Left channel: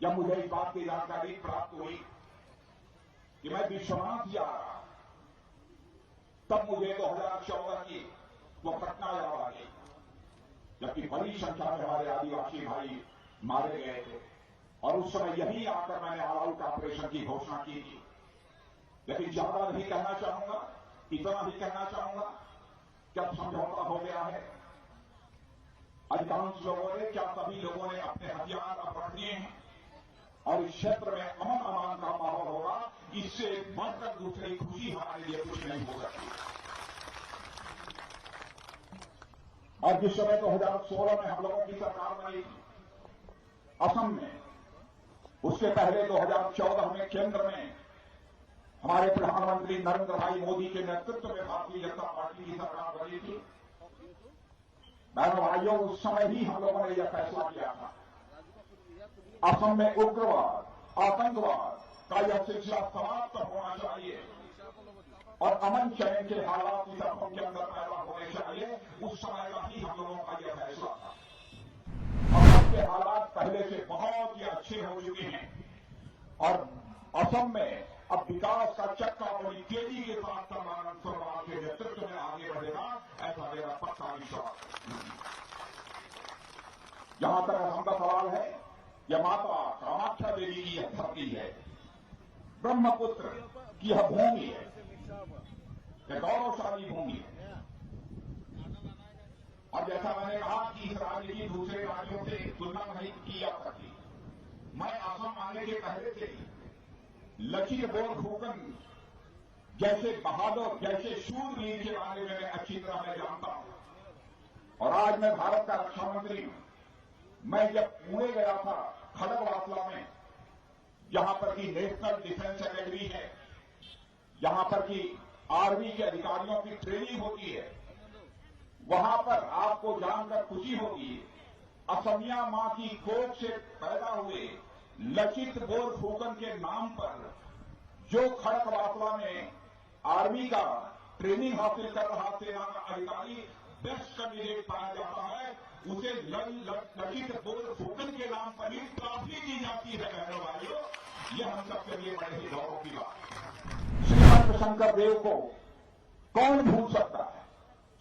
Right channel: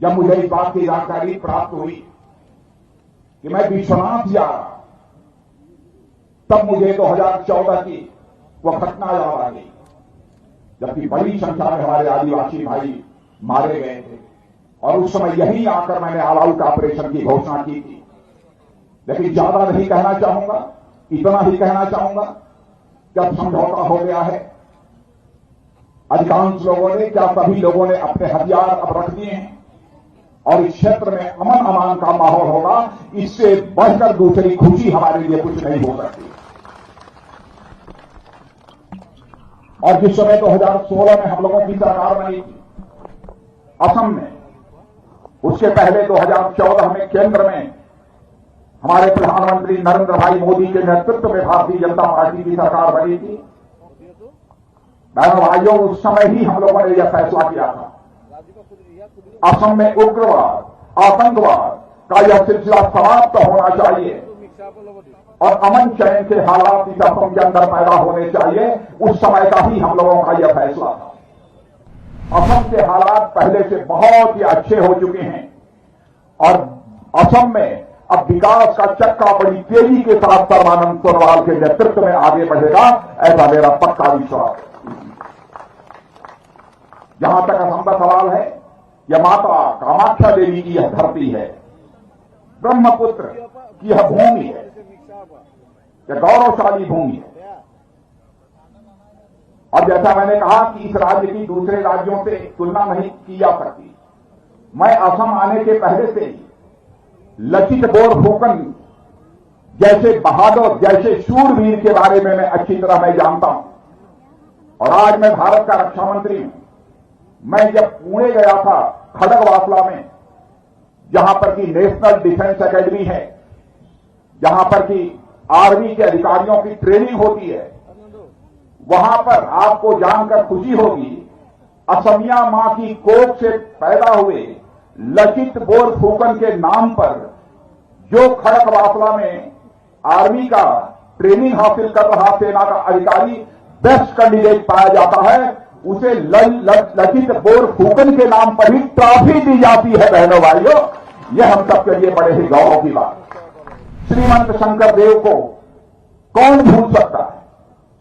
जब मुझे इस बात की जानकारी प्राप्त हुई कि मैं विश्वनाथ जा रहा, तब मुझे 2014 की वह घटना याद आ गई, जबकि बड़ी संख्या में हमारे आदिवासी भाई मारे गए थे। और उस समय यही आकर मैंने ऑल आउट ऑपरेशन की घोषणा की थी। लेकिन ज्यादा नहीं कहना चाहूंगा, इतना ही कहना चाहूंगा कि अब समझौता हो गया है। अधिकांश लोगों ने, क्या सभी लोगों ने अपने हथियार अब रख दिए हैं और इस क्षेत्र में अमन अमान का माहौल होगा। इससे बढ़कर दूसरी खुशी हमारे लिए कुछ नहीं हो सकती। और जिस समय 2016 में हम लोगों की सरकार बनी थी असम में, उसके पहले 2014 में केंद्र में हमारे प्रधानमंत्री नरेंद्र भाई मोदी के नेतृत्व में भारतीय जनता पार्टी की सरकार बनी थी। बहनों भाइयों, उस समय ही हम लोगों ने यह फैसला किया था असम में उग्रवाद, आतंकवाद का यह सिलसिला समाप्त होना चाहिए और अमन चैन के हालात इस असम के अंदर पैदा होने चाहिए। उस समय का ही हम लोगों का यह फैसला था। असम के हालात पहले से बहुत ही अच्छे हो चुके हैं और असम में अब विकास का चक्का बड़ी तेजी के साथ सर्बानंद सोनोवाल के नेतृत्व में आगे बढ़ेगा, ऐसा मेरा पक्का विश्वास है। जहां तक असम का सवाल है, यह माता कामाख्या देवी की यह धरती है, ब्रह्मपुत्र की यह भूमि है, यह गौरवशाली भूमि है। और जैसा मैंने कहा कि इस राज्य की दूसरे राज्यों से तुलना नहीं की जा सकती। मैं असम आने के पहले से ही लचित बोरफुकन जैसे बहादुर, जैसे शूरवीर के बारे में मैं अच्छी तरह मैं जानता हूं। और आज मैं भारत का रक्षा मंत्री हूं। मैं जब पुणे गया था खड़गवासला में, जहां पर की नेशनल डिफेंस एकेडमी है, जहां पर की आर्मी के अधिकारियों की ट्रेनिंग होती है, वहां पर आपको जानकर खुशी होगी, असमिया मां की कोख से पैदा हुए लचित बोरफुकन के नाम पर जो खड़गवासला में आर्मी का ट्रेनिंग हासिल कर रहा सेना का अधिकारी बेस्ट कैंडिडेट पाया जाता है, उसे लचित बोरफुकन के नाम पर ही ट्रॉफी दी जाती है। बहनों भाइयों, यह हम सबके लिए बड़े ही गौरव की बात। श्रीमंत शंकर देव को कौन भूल सकता है।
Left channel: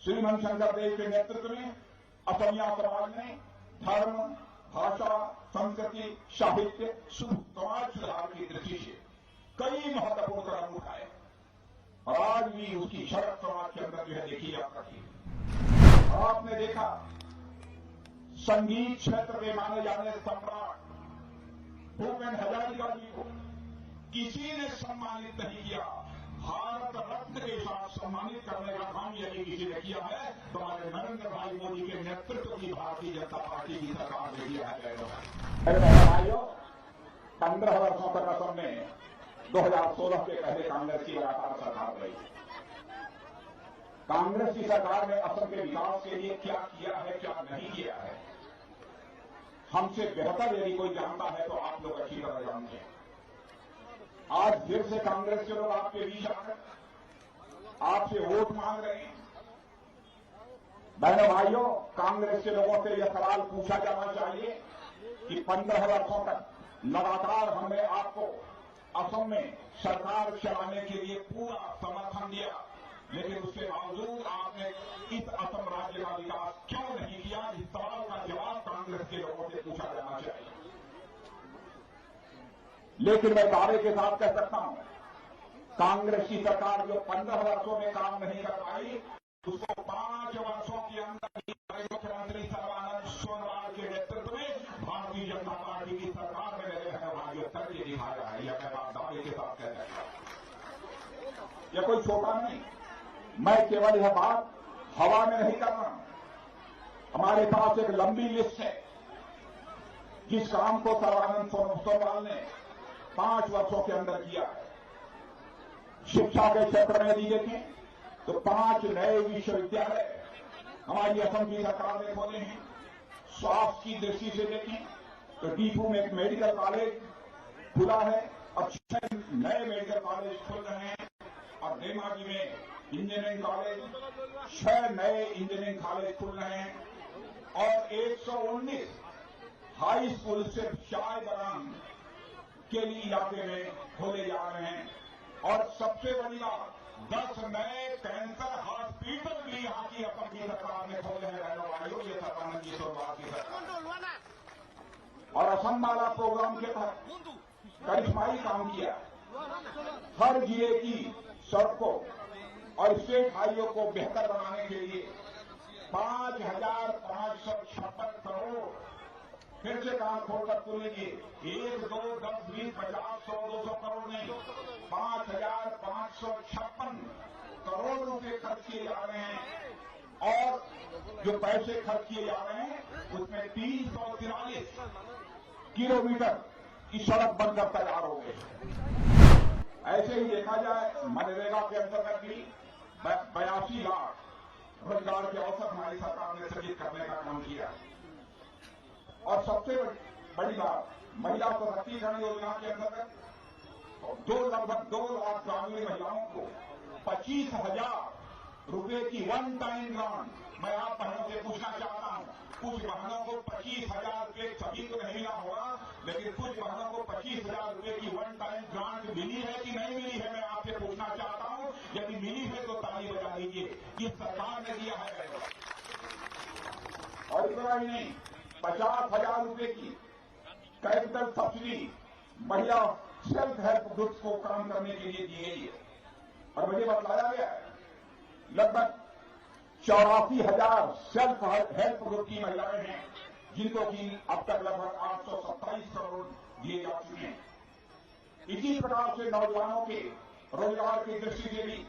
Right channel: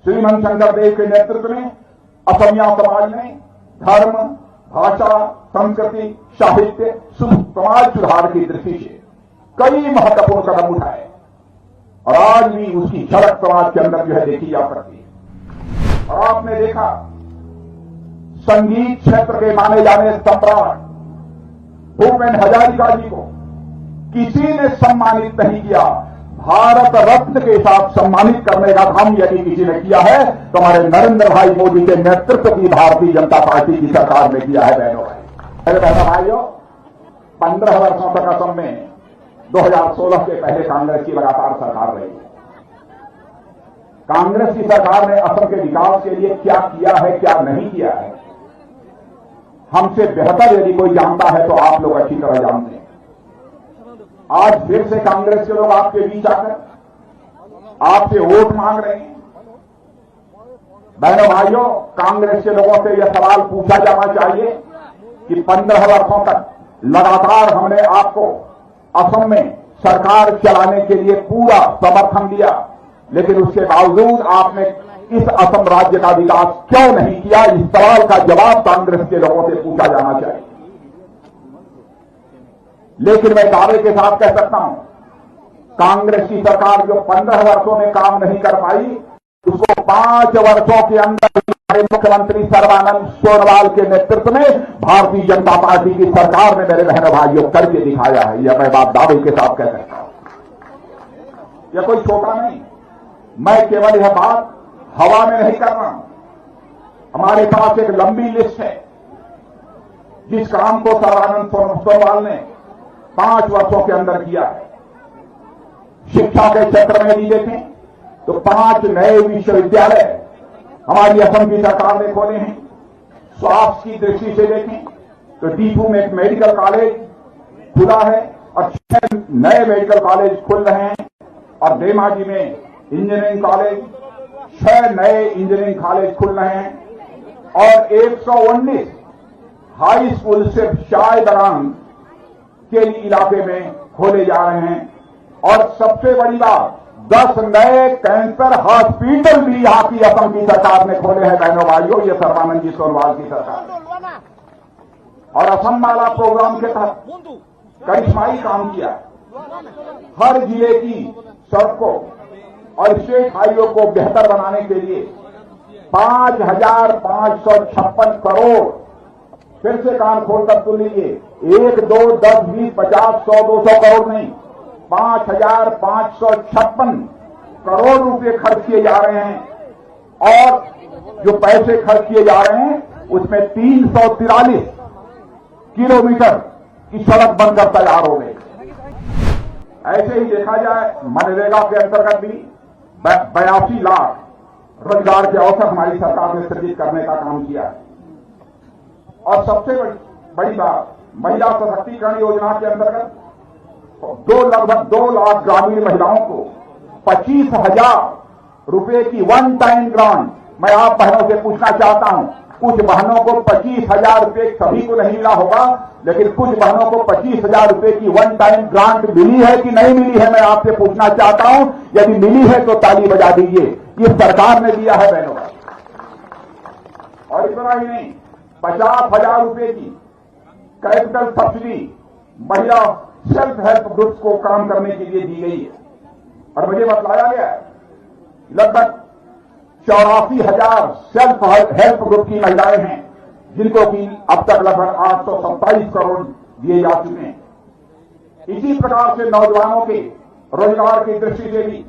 श्रीमंत शंकर देव के नेतृत्व में असमिया समाज ने धर्म, भाषा, संस्कृति, साहित्य, समाज सुधार की दृष्टि से कई महत्वपूर्ण कदम उठाए और आज भी उसकी झलक समाज के अंदर जो है देखी जा सकती है। और आपने देखा, संगीत क्षेत्र के माने जाने सम्राट भूपेन हजारिका जी को किसी ने सम्मानित नहीं किया। भारत रत्न के साथ सम्मानित करने का काम यदि किसी ने किया है तो हमारे नरेंद्र भाई मोदी के नेतृत्व की भारतीय जनता पार्टी की सरकार ने किया है। बहनों मेरे बहनों भाइयों, 15 वर्षों तक असम में 2016 के पहले कांग्रेस की लगातार सरकार रही। कांग्रेस की सरकार ने असम के विकास के लिए क्या किया है, क्या नहीं किया है, हमसे बेहतर यदि कोई जानता है तो आप लोग अच्छी तरह जानते हैं। आज फिर से कांग्रेस के लोग आपके बीच आकर आपसे वोट मांग रहे हैं। बहनों भाइयों, कांग्रेस के लोगों से यह सवाल पूछा जाना चाहिए कि 15 वर्षों तक लगातार हमने आपको असम में सरकार चलाने के लिए पूरा समर्थन दिया, लेकिन उसके बावजूद आपने इस असम राज्य का विकास क्यों नहीं किया। इस सवाल का जवाब कांग्रेस के लोगों से पूछा जाना चाहिए। लेकिन मैं दावे के साथ कह सकता हूं, कांग्रेस की सरकार जो 15 वर्षों में काम नहीं कर पाई, उसको 5 वर्षों के अंदर हमारे मुख्यमंत्री सर्बानंद सोनोवाल के नेतृत्व में भारतीय जनता पार्टी की सरकार ने मेरे बहनों भाइयों करके दिखाया है। यह मैं बात दावे के साथ कह सकता हूं। यह कोई छोटा नहीं, मैं केवल यह बात हवा में नहीं कर रहा हूं। हमारे पास एक लंबी लिस्ट है जिस काम को सर्बानंद सोनोवाल ने 5 वर्षों के अंदर किया है। शिक्षा के क्षेत्र में भी देखें तो 5 नए विश्वविद्यालय हमारी असम की सरकार ने खोले हैं। स्वास्थ्य की दृष्टि से देखें तो डीफू में एक मेडिकल कॉलेज खुला है और 6 नए मेडिकल कॉलेज खुल रहे हैं। और धेमाजी में इंजीनियरिंग कॉलेज, 6 नए इंजीनियरिंग कॉलेज खुल रहे हैं और 119 हाई स्कूल सिर्फ शायदरान के इलाके में खोले जा रहे हैं। और सबसे बड़ी बात, 10 नए कैंसर हॉस्पिटल भी यहां की असम की सरकार ने खोले हैं बहनों भाइयों, ये सर्बानंद जी सोनोवाल की सरकार। और असम माला प्रोग्राम के तहत करिश्माई काम किया। हर जिले की सड़कों और स्टेट हाईवे को बेहतर बनाने के लिए 5,556 करोड़, फिर से कान खोलकर सुन लीजिए, 1, 2, 10, 20, 50, 100, 200 करोड़ नहीं, 5,556 करोड़ रुपए खर्च किए जा रहे हैं। और जो पैसे खर्च किए जा रहे हैं उसमें 343 किलोमीटर की सड़क बनकर तैयार हो गई। ऐसे ही देखा जाए मनरेगा के अंतर्गत भी 82 लाख रोजगार के अवसर हमारी सरकार ने सृजित करने का काम किया है। और सबसे बड़ी बात, महिला सशक्तिकरण योजना के अंतर्गत लगभग 2 लाख ग्रामीण महिलाओं को 25,000 रुपए की वन टाइम ग्रांट। मैं आप बहनों से पूछना चाहता हूं, कुछ बहनों को 25,000 रुपए सभी को नहीं मिला होगा, लेकिन कुछ बहनों को 25,000 रुपए की वन टाइम ग्रांट मिली है कि नहीं मिली है, मैं आपसे पूछना चाहता हूं। यदि मिली है तो ताली बजा दीजिए, ये सरकार ने दिया है बहनों। और इतना ही नहीं, 50,000 रुपए की कैपिटल सब्सिडी महिला सेल्फ हेल्प ग्रुप्स को काम करने के लिए दी गई है। और मुझे बतलाया गया है लगभग 84,000 सेल्फ हेल्प ग्रुप की महिलाएं हैं, जिनको कि अब तक लगभग 827 करोड़ दिए जा चुके हैं। इसी प्रकार से नौजवानों के रोजगार की दृष्टि से भी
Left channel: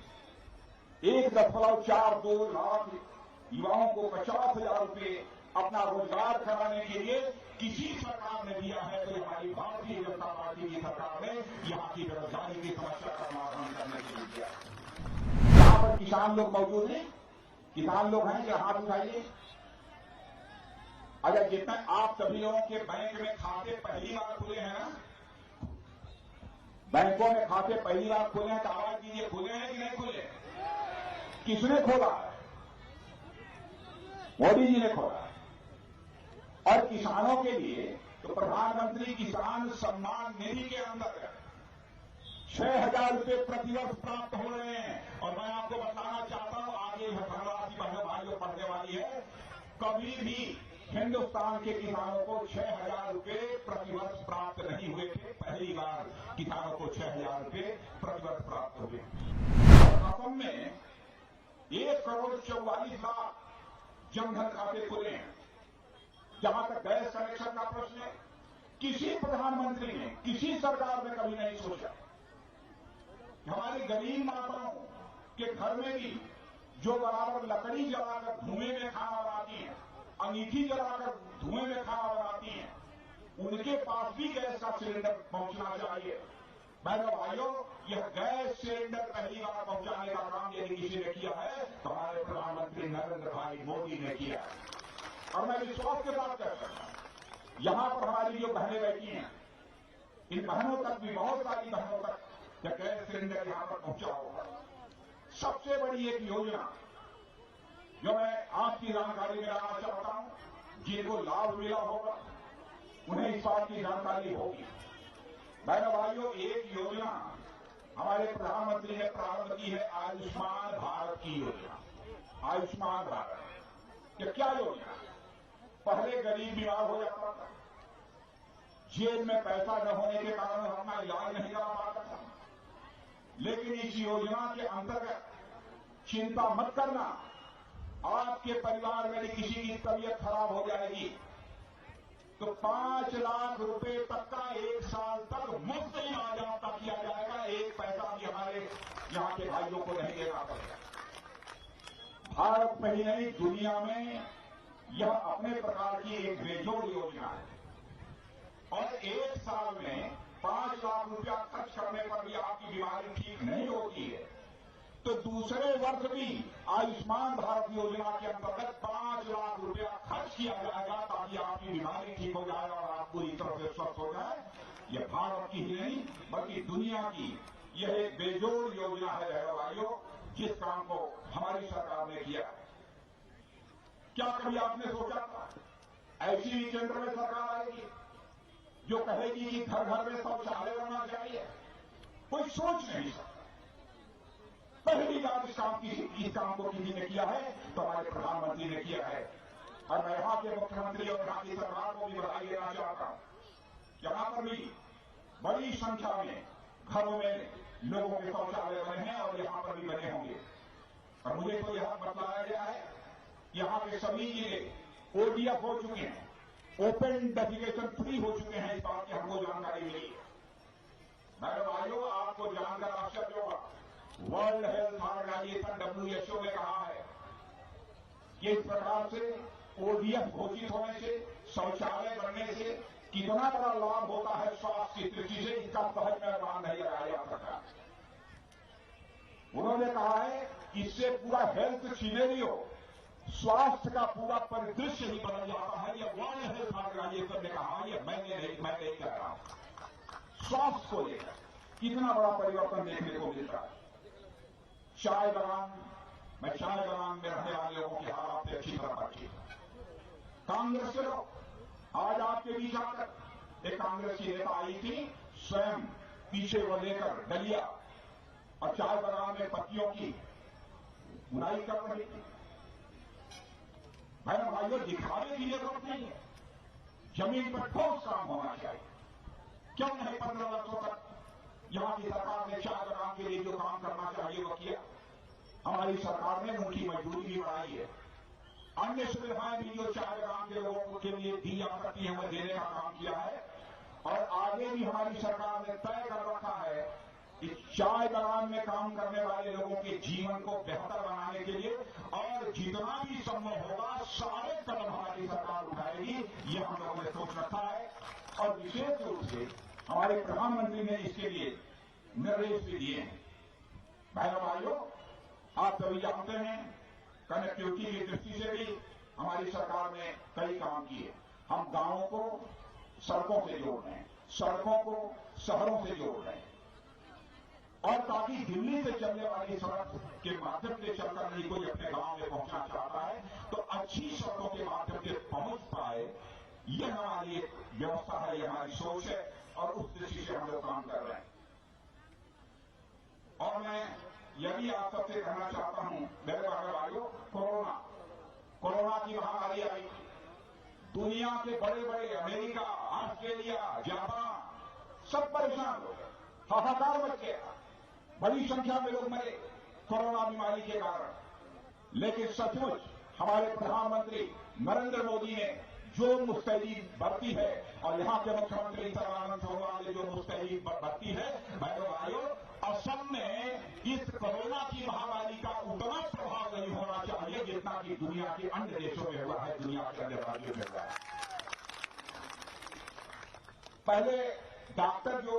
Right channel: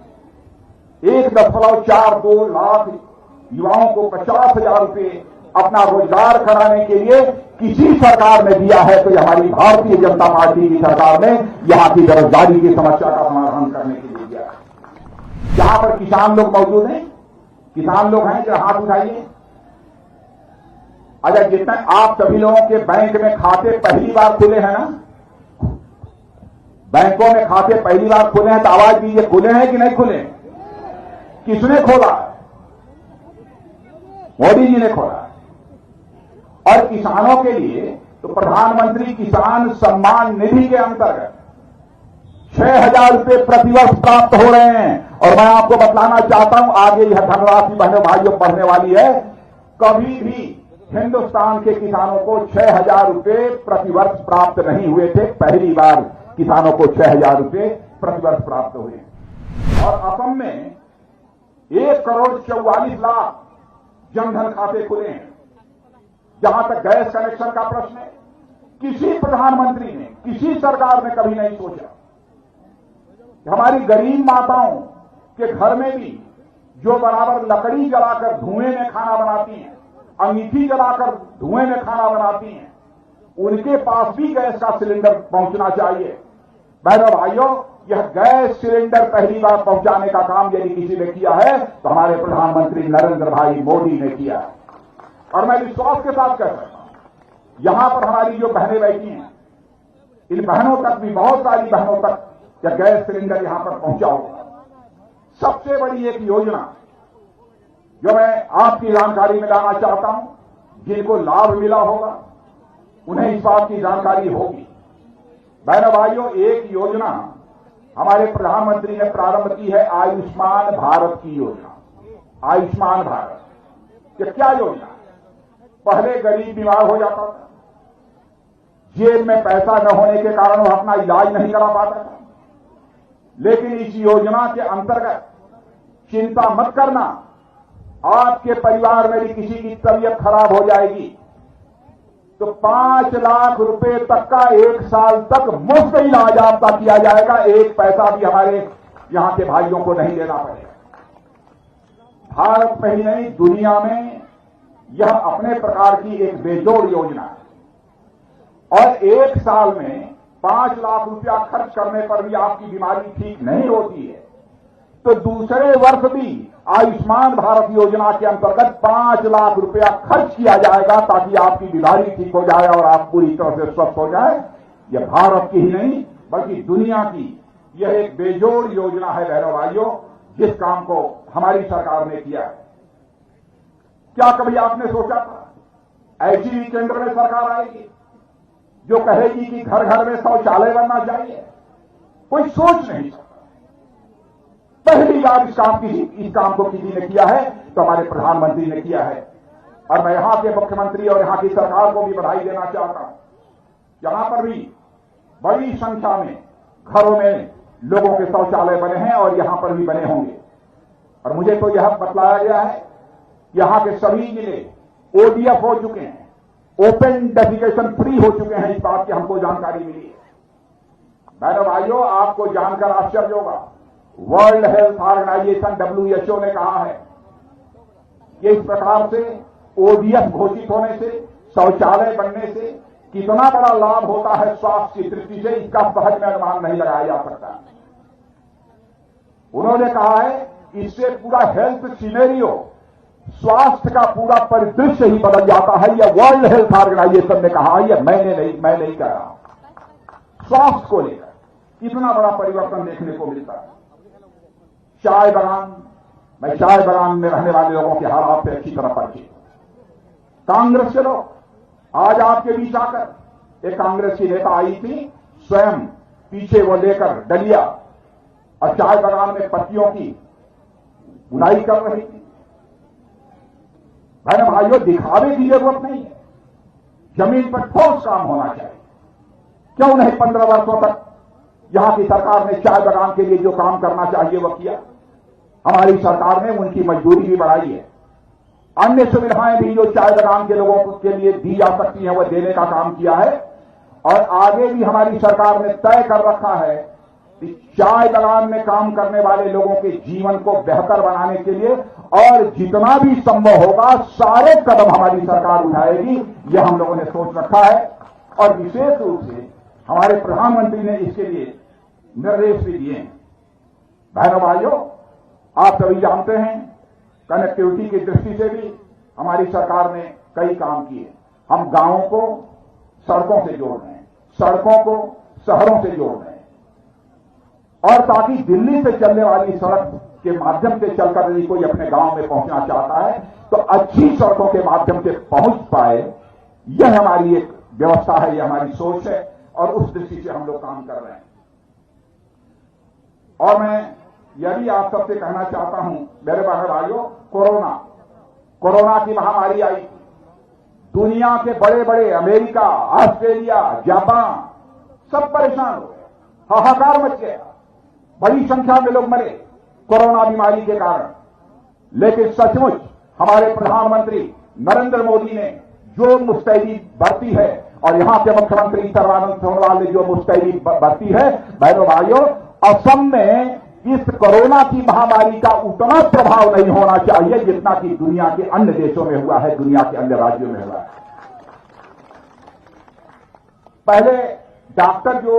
1.42 लाख युवाओं को 50,000 रुपए अपना रोजगार कराने के लिए किसी सरकार ने दिया है तो हमारी भारतीय जनता पार्टी की सरकार ने यहां की बेरोजगारी की समस्या का समाधान करने के लिए दिया है। जहां पर किसान लोग मौजूद हैं, किसान लोग हैं, जो हाथ उठाइए। अच्छा, जितने आप सभी लोगों के बैंक में खाते पहली बार खुले हैं ना, बैंकों में खाते पहली बार खुले हैं तो आवाज दीजिए, खुले हैं कि नहीं खुले? किसने खोला? मोदी जी ने खोला। और किसानों के लिए तो प्रधानमंत्री किसान सम्मान निधि के अंतर्गत 6,000 रुपए प्रतिवर्ष प्राप्त हो रहे हैं। और मैं आपको बतलाना चाहता हूं, आगे यह धनराशि बहनों भाइयों बढ़ने वाली है। कभी भी हिंदुस्तान के किसानों को 6,000 रुपए प्रतिवर्ष प्राप्त नहीं हुए थे, पहली बार किसानों को 6,000 रुपए प्रतिवर्ष प्राप्त हुए। और असम में 1,44,00,000 जनधन खाते खुले हैं। जहां तक गैस कनेक्शन का प्रश्न है, किसी प्रधानमंत्री ने, किसी सरकार ने कभी नहीं सोचा हमारी गरीब माताओं के घर में भी जो बराबर लकड़ी जलाकर धुएं में खाना बनाती हैं, अंगीठी जलाकर धुएं में खाना बनाती हैं, उनके पास भी गैस का सिलेंडर पहुंचना चाहिए। बहनों भाइयों, यह गैस सिलेंडर पहली बार पहुंचाने का काम यदि किसी ने किया है तो हमारे प्रधानमंत्री नरेंद्र भाई मोदी ने किया है। और मैं विश्वास के साथ कह सकता हूं, यहां पर हमारी जो बहनें बैठी हैं, इन बहनों तक भी, बहुत सारी बहनों तक यह गैस सिलेंडर यहां पर पहुंचा होगा। सबसे बड़ी एक योजना जो मैं आपकी जानकारी में लाना चाहता हूं, जिनको लाभ मिला होगा उन्हें इस बात की जानकारी होगी। बहनों भाइयों, एक योजना हमारे प्रधानमंत्री ने प्रारंभ की है, आयुष्मान भारत की योजना। आयुष्मान भारत ये क्या योजना? पहले गरीब बीमार हो जाता था, जेब में पैसा न होने के कारण वह अपना इलाज नहीं करा पाता था। लेकिन इस योजना के अंतर्गत चिंता मत करना, आपके परिवार में भी किसी की तबीयत खराब हो जाएगी तो 5 लाख रुपए तक का 1 साल तक मुफ्त इलाज आपका किया जाएगा। एक पैसा भी हमारे यहां के भाइयों को नहीं देना पड़ेगा। भारत में ही नहीं, दुनिया में यह अपने प्रकार की एक बेजोड़ योजना है। और 1 साल में 5 लाख रुपया खर्च करने पर भी आपकी बीमारी ठीक नहीं होती है तो दूसरे वर्ष भी आयुष्मान भारत योजना के अंतर्गत 5 लाख रुपया खर्च किया जाएगा ताकि आपकी बीमारी ठीक हो जाए और आप पूरी तरह से स्वस्थ हो जाए। यह भारत की ही नहीं बल्कि दुनिया की यह एक बेजोड़ योजना है बहनों भाइयों, जिस काम को हमारी सरकार ने किया है। क्या कभी आपने सोचा था ऐसी भी केंद्र में सरकार आएगी? जो कहेगी कि घर घर में शौचालय बनना चाहिए, कोई सोच नहीं सकता। पहली बार इस काम को किसी ने किया है तो हमारे प्रधानमंत्री ने किया है। और मैं यहां के मुख्यमंत्री और यहां की सरकार को भी बधाई देना चाहता हूं। यहां पर भी बड़ी संख्या में घरों में लोगों के शौचालय बने हैं और यहां पर भी बने होंगे। और मुझे तो यह बतलाया गया है यहां के सभी जिले ओडीएफ हो चुके हैं, ओपन डेफिकेशन फ्री हो चुके हैं। इस बात की हमको जानकारी मिली है। बहनों भाइयों, आपको जानकर आश्चर्य होगा, वर्ल्ड हेल्थ ऑर्गेनाइजेशन WHO ने कहा है कि इस प्रकार से ओडीएफ घोषित होने से, शौचालय बनने से कितना बड़ा लाभ होता है स्वास्थ्य की दृष्टि से, इसका सहज में अनुमान नहीं लगाया जा सकता। उन्होंने कहा है इससे पूरा हेल्थ सिनेरियो, स्वास्थ्य का पूरा परिदृश्य ही बदल जाता है। यह वर्ल्ड हेल्थ ऑर्गेनाइजेशन ने कहा है, यह मैं नहीं कह रहा हूं। स्वास्थ्य को लेकर इतना बड़ा परिवर्तन देखने को मिलता है। चाय बागान, मैं चाय बागान में रहने वाले लोगों के हालात से अच्छी तरह परिचित। कांग्रेस के लोग आज आपके बीच आकर, एक कांग्रेस की नेता आई थी, स्वयं पीछे वो लेकर डलिया और चाय बागान में पत्तियों की बुनाई कर रही थी। बहन भाइयों, दिखावे की जरूरत नहीं है, जमीन पर ठोस काम होना चाहिए। क्यों नहीं 15 वर्षों तक यहां की सरकार ने चाय बागान के लिए जो काम करना चाहिए वह किया। हमारी सरकार ने उनकी मजदूरी भी बढ़ाई है, अन्य सुविधाएं भी जो चाय बागान के लोगों के लिए दी जा सकती हैं वह देने का काम किया है। और आगे भी हमारी सरकार ने तय कर रखा है कि चाय बागान में काम करने वाले लोगों के जीवन को बेहतर बनाने के लिए और जितना भी संभव होगा सारे कदम हमारी सरकार उठाएगी, यह हम लोगों ने सोच रखा है। और विशेष रूप से हमारे प्रधानमंत्री ने इसके लिए निर्देश भी दिए हैं। बहनों भाइयों, आप सभी जानते हैं कनेक्टिविटी की दृष्टि से भी हमारी सरकार ने कई काम किए। हम गांवों को सड़कों से जोड़ रहे हैं, सड़कों को शहरों से जोड़ रहे हैं, और ताकि दिल्ली से चलने वाली सड़क के माध्यम से चलकर यदि कोई अपने गांव में पहुंचना चाहता है तो अच्छी सड़कों के माध्यम से पहुंच पाए। यह हमारी एक व्यवस्था है, यह हमारी सोच है और उस दृष्टि से हम लोग काम कर रहे हैं। और मैं यह भी आप सबसे कहना चाहता हूं मेरे बहन भाइयों, कोरोना की महामारी आई, दुनिया के बड़े बड़े अमेरिका, ऑस्ट्रेलिया, जापान सब परेशान हो गए, हाहाकार मच गया, बड़ी संख्या में लोग मरे कोरोना बीमारी के कारण। लेकिन सचमुच हमारे प्रधानमंत्री नरेंद्र मोदी ने जो मुस्तैदी बरती है और यहां के मुख्यमंत्री सर्बानंद सोनोवाल ने जो मुस्तैदी बरती है, बहनों भाइयों, असम में इस कोरोना की महामारी का उतना प्रभाव नहीं होना चाहिए जितना कि दुनिया के अन्य देशों में हुआ है, दुनिया के अन्य राज्यों में हुआ है। पहले डॉक्टर जो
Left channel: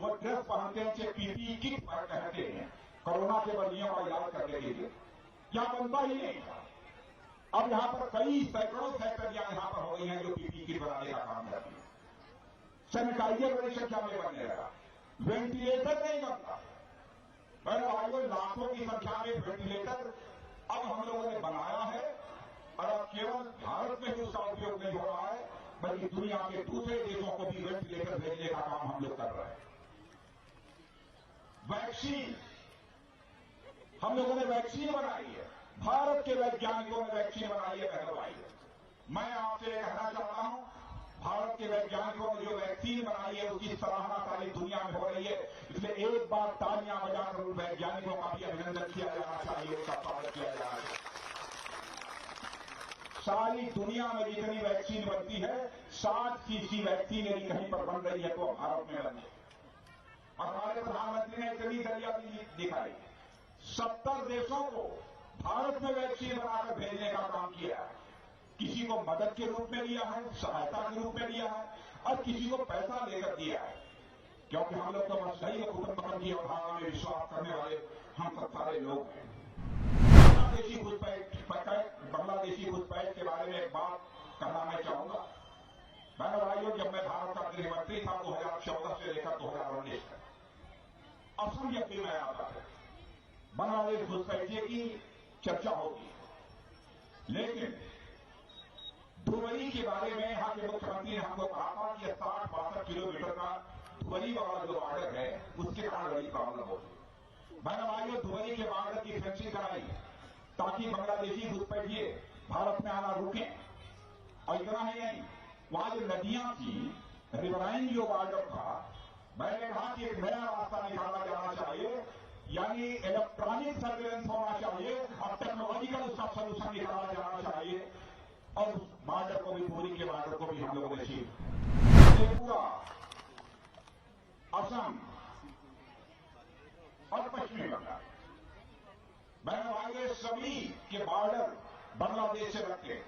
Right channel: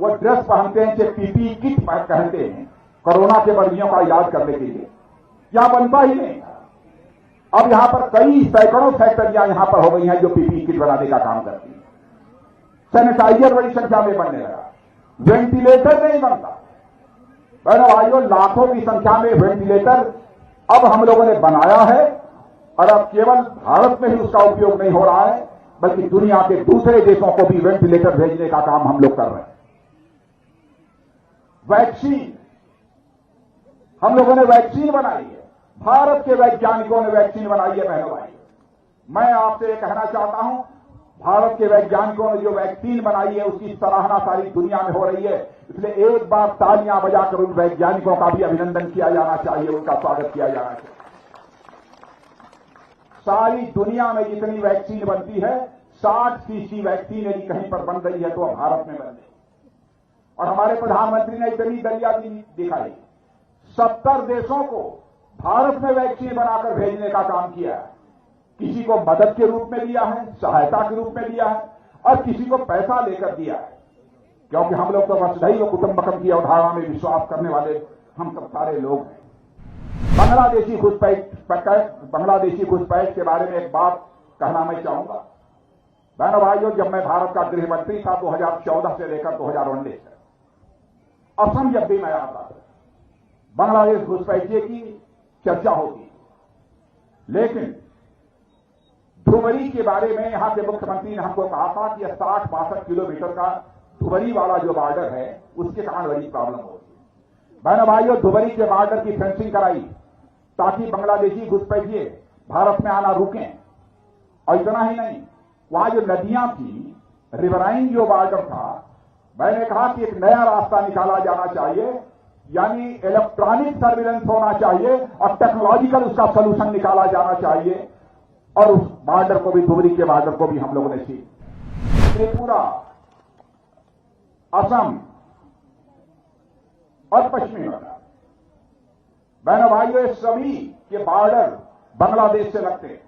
वो ड्रेस पहनते हैं, जो पीपीई किट पहनते हैं कोरोना के मरीजों का इलाज करने के लिए, यहां बनता ही नहीं। अब यहां पर कई सैकड़ों फैक्ट्रियां यहां पर हो गई हैं जो पीपीई किट बनाने का काम करती हैं। सैनिटाइजर बड़ी संख्या में बनने लगा, वेंटिलेटर नहीं बनता। बहनों भाइयों, लाखों की संख्या में वेंटिलेटर अब हम लोगों ने बनाया है और अब केवल भारत में ही उसका उपयोग नहीं हो रहा है बल्कि दुनिया के दूसरे देशों को भी वेंटिलेटर भेजने का काम हम लोग कर रहे हैं। वैक्सीन, हम लोगों ने वैक्सीन बनाई है, भारत के वैज्ञानिकों ने वैक्सीन बनाई है। बहनों भाई, मैं आपसे कहना चाहता हूं, भारत के वैज्ञानिकों ने जो वैक्सीन बनाई है उसकी सराहना सारी दुनिया में हो रही है। इसलिए एक बार तालियां बजाकर उन वैज्ञानिकों का भी अभिनंदन किया जाना चाहिए, उनका स्वागत किया जाना चाहिए। सारी दुनिया में जितनी वैक्सीन बनती है 60% वैक्सीन यदि कहीं पर बन रही है तो भारत में बन रही है। और हमारे प्रधानमंत्री ने इतनी दलिया भी दिखाई, 70 देशों को भारत में वैक्सीन बनाकर भेजने का काम किया है। किसी को मदद के रूप में दिया है, सहायता के रूप में दिया है और किसी को पैसा लेकर दिया है, क्योंकि हम लोग तो वसुधैव कुटुंबकम की अवधारणा में विश्वास करने वाले हम सब सारे लोग हैं। बांग्लादेशी घुसपैठ के बारे में एक बात कहना मैं चाहूंगा। बहनों भाइयों, जब मैं भारत का गृह मंत्री था 2014 से लेकर 2019 तक, असम जब भी मैं आता था बांग्लादेश घुसपैठिए की चर्चा होती, लेकिन धुबरी के बारे में यहां के मुख्यमंत्री ने हमको कहा था कि 60-62 किलोमीटर का धुबरी वाला जो बॉर्डर है उसके कारण बड़ी प्रॉब्लम हो रही। बहनों भाइयों, धुबरी के बॉर्डर की फेंसिंग कराई ताकि बांग्लादेशी घुसपैठिए भारत में आना रुकें। और इतना ही नहीं, वहां जो नदियां थी, रिवराइन जो बॉर्डर था, मैंने कहा कि एक नया रास्ता निकाला जाना चाहिए, यानी इलेक्ट्रॉनिक सर्विलेंस होना चाहिए और टेक्नोलॉजिकल उसका सोल्यूशन निकाला जाना चाहिए। और उस बॉर्डर को भी, धुबरी के बॉर्डर को भी हम लोगों ने सीख, त्रिपुरा, असम और पश्चिमी बंगाल, बहनों भाइयों, ये सभी के बॉर्डर बांग्लादेश से लगते हैं।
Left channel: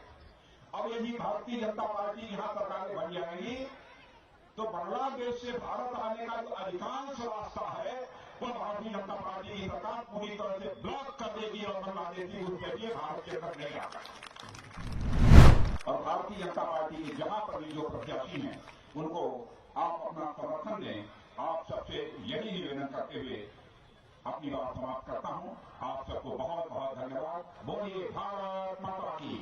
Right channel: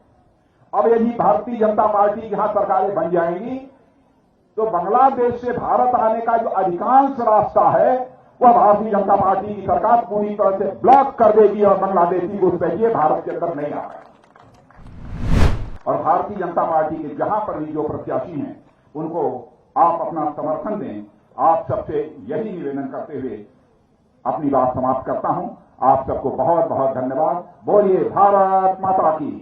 अब यदि भारतीय जनता पार्टी की यहां सरकारें बन जाएंगी तो बांग्लादेश से भारत आने का जो अधिकांश रास्ता है वह भारतीय जनता पार्टी की सरकार पूरी तरह से ब्लॉक कर देगी और बांग्लादेशी घुसपैठिए भारत के अंदर नहीं आ पाएंगे। और भारतीय जनता पार्टी के जहां पर भी जो प्रत्याशी हैं उनको आप अपना समर्थन दें। आप सबसे यही निवेदन करते हुए अपनी बात समाप्त करता हूं। आप सबको बहुत बहुत धन्यवाद। बोलिए भारत माता की।